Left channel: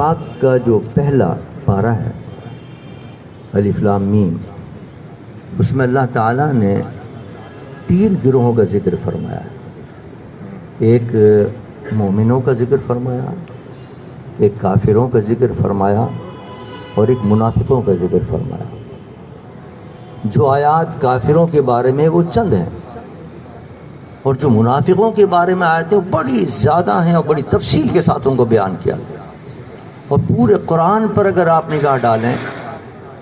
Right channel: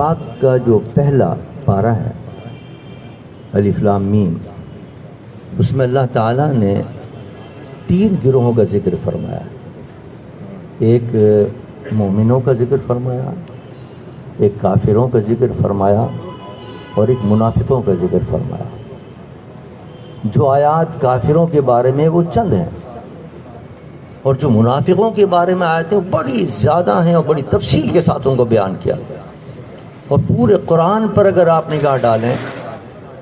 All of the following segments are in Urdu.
پاک کا جو پہلا پارہ ہے الف لام میم، اس میں اللہ تعالیٰ نے 3 گروہوں کا ذکر فرمایا ہے۔ ایک مومنوں کا ذکر فرمایا، ایک کافروں کا ذکر فرمایا، اور ایک منافقوں کا ذکر فرمایا۔ جو آیات کافروں کے بارے میں وہ چند ہیں، اور جو منافقوں کے بارے میں آیتیں وہ بڑی زیادہ ہیں اور بڑی تفصیل کے ساتھ ان کو بیان کیا گیا۔ اور پورے قرآن پر اگر آپ نگاہ ڈالیں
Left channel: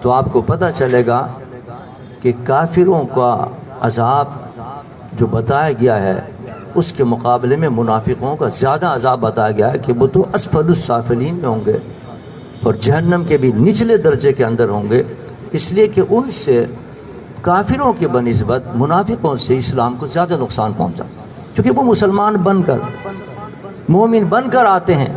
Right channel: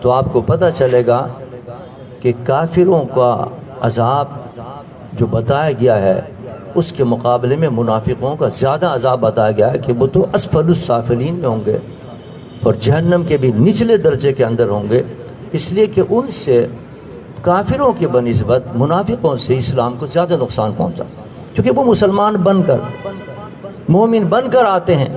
تو آپ کو پتہ چلے گا کہ کافروں کا عذاب جو بتایا گیا ہے اس کے مقابلے میں منافقوں کا زیادہ عذاب بتایا گیا ہے کہ وہ تو اسفل السافلین میں ہوں گے اور جہنم کے بھی نچلے درجے کے اندر ہوں گے، اس لیے کہ ان سے کافروں کی بنسبت منافقوں سے اسلام کو زیادہ نقصان پہنچا، کیونکہ وہ مسلمان بن کر مومن بن کر آتے ہیں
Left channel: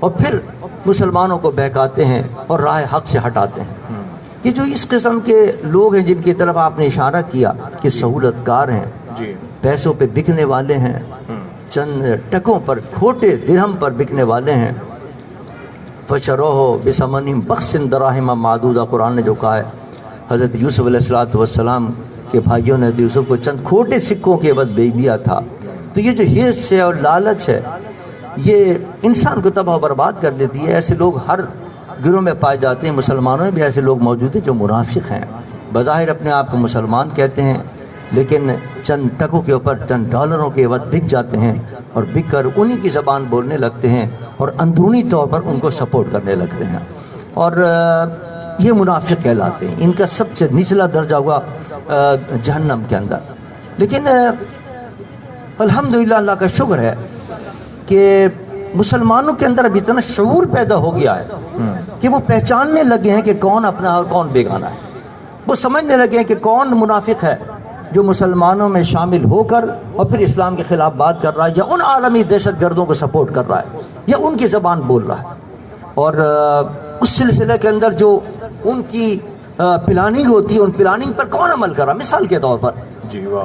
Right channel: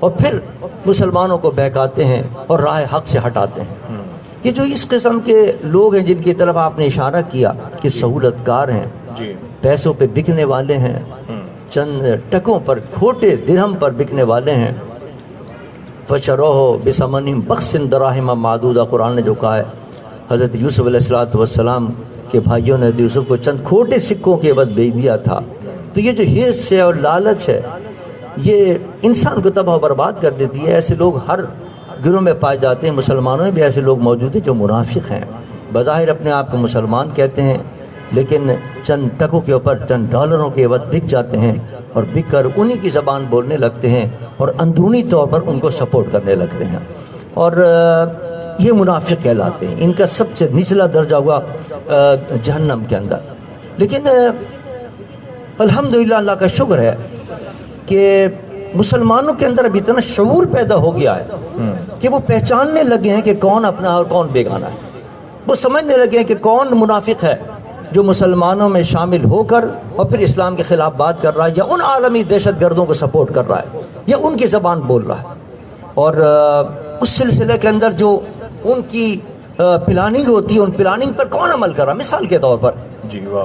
اور پھر مسلمانوں کو بہکاتے ہیں اور راہ حق سے ہٹاتے ہیں۔ یہ جو اس قسم کے لوگ ہیں جن کی طرف آپ نے اشارہ کیا کہ سہولت کار ہیں، پیسوں پہ بکنے والے ہیں، چند ٹکوں پر کھوٹے درہم پر بکنے والے ہیں، فَشَرَوْهُ بِثَمَنٍ بَخْسٍ دَرَاهِمَ مَعْدُودَةٍ، قرآن نے جو کہا ہے حضرت یوسف علیہ السلام کے بھائیوں نے یوسف کو چند کھوٹے سکوں کے عوض بیچ دیا تھا۔ تو یہ جو حرص ہے اور لالچ ہے یہ انسان کو تباہ و برباد کر دیتی ہے۔ ایسے لوگ ہر گروہ میں پائے جاتے ہیں، مسلمانوں میں بھی ایسے لوگ موجود ہیں جو منافق ہیں، بظاہر اپنے آپ کو مسلمان کہتے ہیں لیکن چند ٹکوں کے اوپر چند ڈالروں کے عوض بک جاتے ہیں اور بک کر انہی کی زبان بولنے لگتے ہیں اور اندرونی طور پر ان کو سپورٹ کرنے لگتے ہیں، اور یہ منافق کہلاتے ہیں۔ ان کا سب سے نچلا درجہ ہوا جہنم کے اندر۔ لیکن الحمدللہ اللہ کا شکر ہے کہ مسلمانوں کے اندر اب اتنا شعور پیدا ہو گیا ہے کہ وہ پہچاننے لگے ہیں کہ کون اپنا اور کون بیگانہ ہے۔ وہ سمجھنے لگے ہیں کہ کون منافق ہے جو مسلمانوں میں شامل ہو کر اور پھر اسلام کے خلاف بات کر رہا ہے، یا ان عالمی دہشت گردوں کو سپورٹ کر رہا ہے، یا ان کی زبان بول رہا ہے۔ اور اس سلسلے کے اندر جو ان کی پلاننگ ہوتی ہے، ان پلاننگ پر کون عمل کر رہا ہے؟ مثال کے طور پر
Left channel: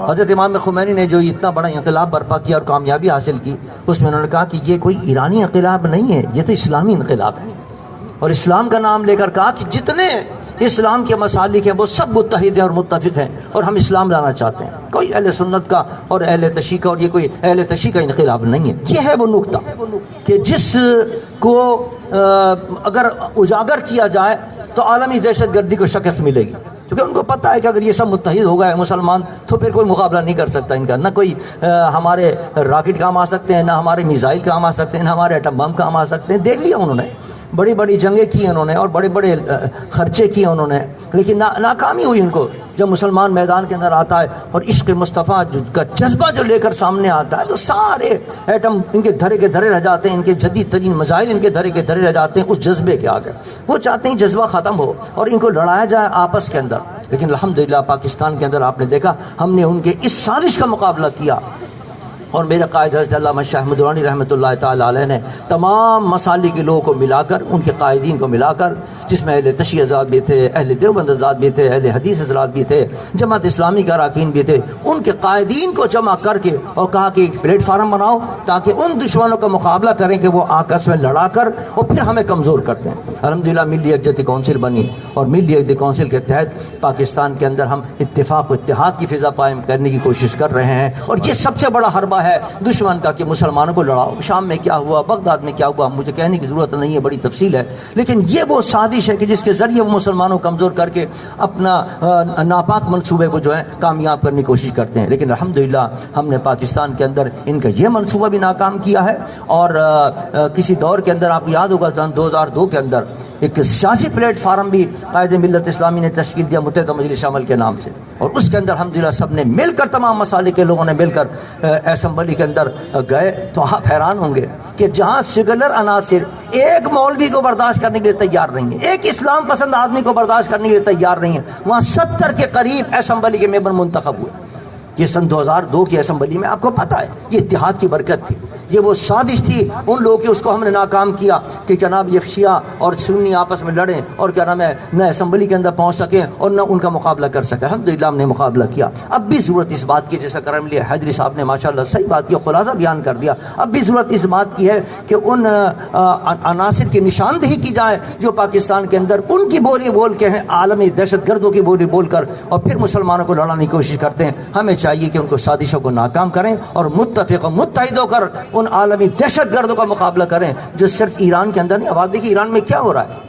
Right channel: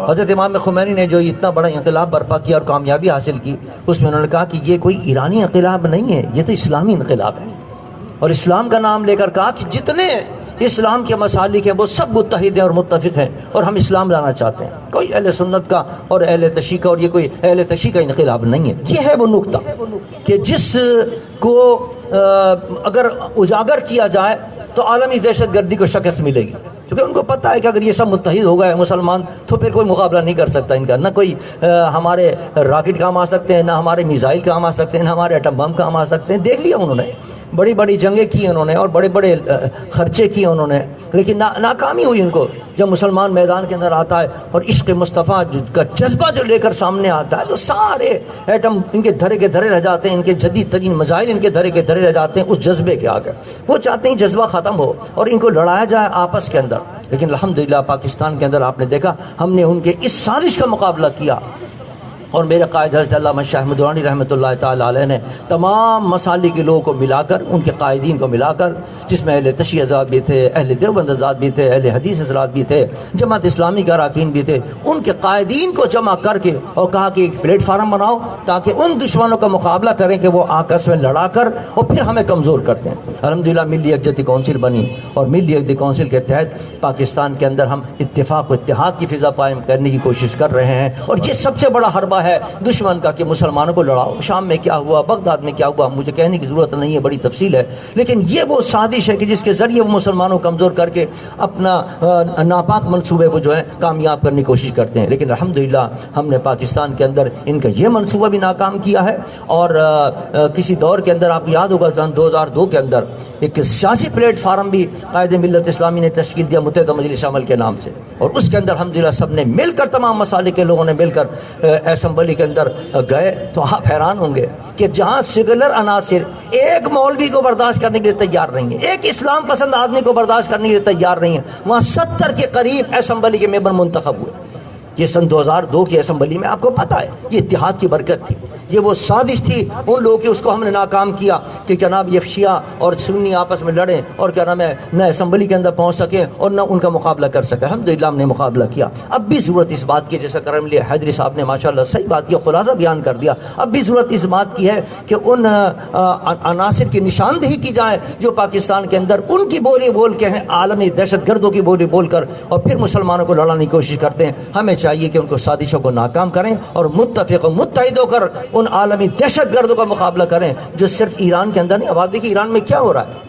حضرت امام خمینی نے جو اتنا بڑا انقلاب برپا کیا اور کامیابی حاصل کی، اس میں انہوں نے کہا کہ یہ کوئی ایرانی انقلاب نہیں ہے، یہ تو اسلامی انقلاب ہے، اور اسلام کا نام لے کر کہا کہ جتنے اسلام کے مسالک ہیں وہ سب متحد ہیں اور متفق ہیں اور ہم اسلام لانا چاہتے ہیں۔ کوئی اہل سنت کا اور اہل تشیع کا اور یہ کوئی اہل تشیع کا انقلاب نہیں ہے۔ یہ ہے وہ نقطہ کہ جس کو اگر اجاگر کیا جائے تو عالمی دہشت گردی کو شکست ملے گی، کیونکہ ان کو پتہ ہے کہ اگر یہ سب متحد ہو گئے مسلمان تو پھر کوئی مقابلہ نہیں کر سکتا ان کا، نہ کوئی ہمارے راکٹ کام آ سکتے ہیں، نہ ہمارے میزائل کام آ سکتے ہیں، نہ ہمارے ایٹم بم کام آ سکتے ہیں۔ دیکھ لیا انہوں نے، بڑی بڑی جنگیں کی انہوں نے اور بڑے بڑے خرچے کیے انہوں نے، لیکن ناکامی ہوئی ان کو۔ جب مسلمان میدان کے اندر آتا ہے اور عشق مصطفیٰ کا جذبہ جو لے کر سامنے آتا ہے تو سارے ایٹم ان کے دھرے کے دھرے رہ جاتے ہیں، ان کے جدید ترین میزائل ان کے دھرے کے دھرے رہ جاتے ہیں اس جذبے کے آگے۔ وہ چاہتے ہیں جذبہ ختم ہو اور ان کو لڑایا جائے آپس کے اندر، لیکن الحمدللہ پاکستان کے اندر آپ نے دیکھا ہم نے ان کے اس سازش کا مقابلہ کیا، اور میرے قائد حضرت علامہ شاہ احمد درانی رحمۃ اللہ تعالیٰ علیہ نے تمام مسالک کے لوگوں کو ملا کر، ان کے قائدین کو ملا کر، جس میں اہل تشیع حضرات بھی تھے، اہل دیوبند حضرات بھی تھے، اہل حدیث حضرات بھی تھے، جماعت اسلامی کے اراکین بھی تھے، ان کے قائدین کو جمع کر کے اور کہا کہ ایک پلیٹ فارم بناؤ تاکہ ان دشمنوں کا مقابلہ کریں کہ وہ آپس میں لڑا کر اور پھر ہمیں کمزور کرتے ہیں۔ الحمدللہ ملی یکجہتی کونسل بنی، اور ملی یکجہتی کونسل کے تحت پاکستان کے اندر ہم اتفاق و اتحاد کی فضا قائم کرنے کی کوشش کر رہے ہیں، اور یہ سب سے بڑا حربہ ہے دشمن کا کہ مسلمانوں کو لڑاؤ۔ شام میں کیا ہوا، بغداد میں کیا ہوا، مجھے کہنے کی ضرورت نہیں ہے، بڑی تفصیل ہے، لیکن یہ وہ سازش ہے کہ جس کے ذریعے وہ مسلمانوں کو کمزور کر کے اپنا ناپاک منصوبے کو جو ہے کامیاب کرنے کی کوشش کرتے ہیں۔ لیکن الحمدللہ ہم نے پاکستان کے اندر ان کا یہ منصوبہ بھی ناکام کیا ہے، اور کسی دور کے اندر آپ کو یاد ہوگا 2002 کے اندر ایک سیاسی پلیٹ فارم بھی قائد ملت اسلامی نے تشکیل دیا متحدہ مجلس عمل کے نام سے، اور اس کے اندر الحمدللہ سب نے مل کر، تمام مسالک کے لوگوں نے مل کر اسمبلی کے اندر گئے تو آپ حیران ہوں گے کہ جہاں سیکولر عناصر ایک مولوی کو برداشت کرنے کے لیے تیار نہیں ہیں، ایک اسلام پسند آدمی کو برداشت کرنے کے لیے تیار نہیں ہیں، وہاں 70 کے قریب اسمبلی کے ممبر منتخب ہوئے یہ سن 2002 کی اسمبلی میں آپ کو پتا ہے یہ اتحاد کی برکت تھی، یہ وہ سازش تھی ان لوگوں کی، اس کو ہم نے ناکام کیا کہ جناب یہ شیعہ اور سنی آپس میں لڑیں اور کیا نام ہے نہ اسمبلی کے اندر پہنچ سکے اور نہ ان کا مقابلہ کر سکے۔ الحمدللہ ہم نے مقابلہ کیا۔ اب بھی ضرورت اس بات کی، جیسا کرم لیا حیدری صاحب نے ماشاءاللہ صحیح بات کی، خلاصہ بیان کر دیا، اب بھی ضرورت اس بات کی ہے کہ ان عناصر کی نشاندہی کی جائے جو پاکستان کے اندر ان کی بولی بول کے ہیں، عالمی دہشت گردوں کی بولی بول کر اور پھر مسلمانوں کو لڑانے کی کوشش کرتے ہیں۔ ہمیں چاہیے کہ ان کو سازشوں کو ناکام کریں اور متفق و متحد ہو کر ان عالمی دہشت گردوں کا مقابلہ کریں جو صرف ایران کے اندر نہیں۔ اب آپ دیکھیے ایران میں کیا ہو رہا ہے،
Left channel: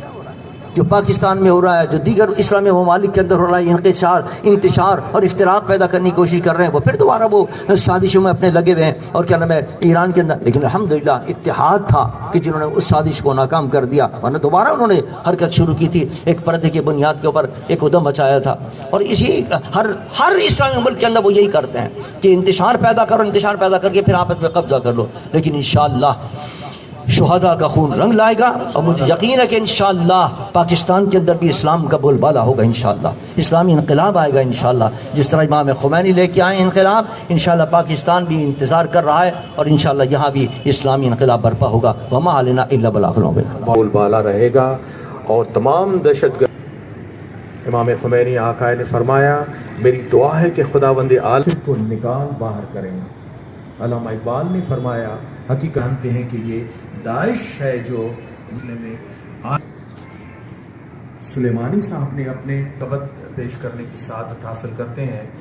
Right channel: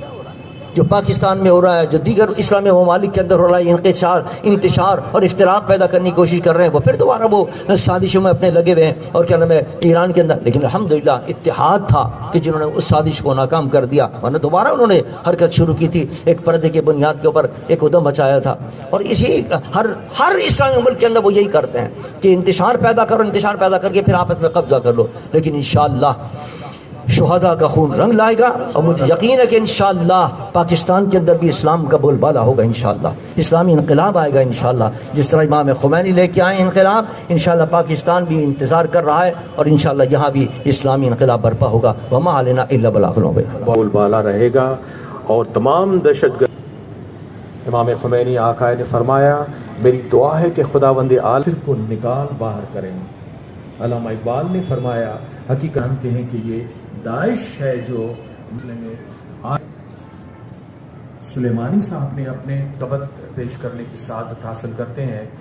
جو پاکستان میں ہو رہا ہے، جو دیگر اسلامی ممالک کے اندر ہو رہا ہے، انتشار اور افتراق پیدا کرنے کی کوشش کر رہے ہیں، وہ پھر دوبارہ وہ سازشوں میں اپنے لگے ہوئے ہیں اور کیا نام ہے ایران کے اندر۔ لیکن الحمدللہ اتحاد تھا کہ جنہوں نے اس سازش کو ناکام کر دیا، ورنہ دوبارہ انہوں نے حرکت شروع کی تھی، ایک پردے کے بنیاد کے اوپر ایک ادھم مچایا تھا۔ اور اسی ہر اسلامی ملک کے اندر وہ یہی کرتے ہیں کہ انتشار پیدا کرو، انتشار پیدا کر کے پھر آپس میں قبضہ کر لو۔ لیکن انشاءاللہ شہداء کا خون رنگ لائے گا اور مجھے یقین ہے کہ انشاءاللہ پاکستان کے اندر بھی اسلام کا بول بالا ہوگا، انشاءاللہ اسلامی انقلاب آئے گا انشاءاللہ، جس طرح امام خمینی لے کے آئے انقلاب، انشاءاللہ پاکستان بھی انتظار کر رہا ہے اور انشاءاللہ یہاں بھی اسلامی انقلاب برپا ہوگا۔ وما علینا الا البلاغ المبین۔ بول بالا رہے گا اور تمام دہشت گرد۔ امام خمینی آقا نے فرمایا میری دعا ہے کہ خداوند عالم کو نکال باہر کریں۔ علامہ اقبال نے فرمایا حقیقت جانتے ہیں کہ یہ داعش ہے جو میں سلیمانی صاحب نے اپنے قبط پیش کرنے کی سعادت حاصل کرتے ہیں۔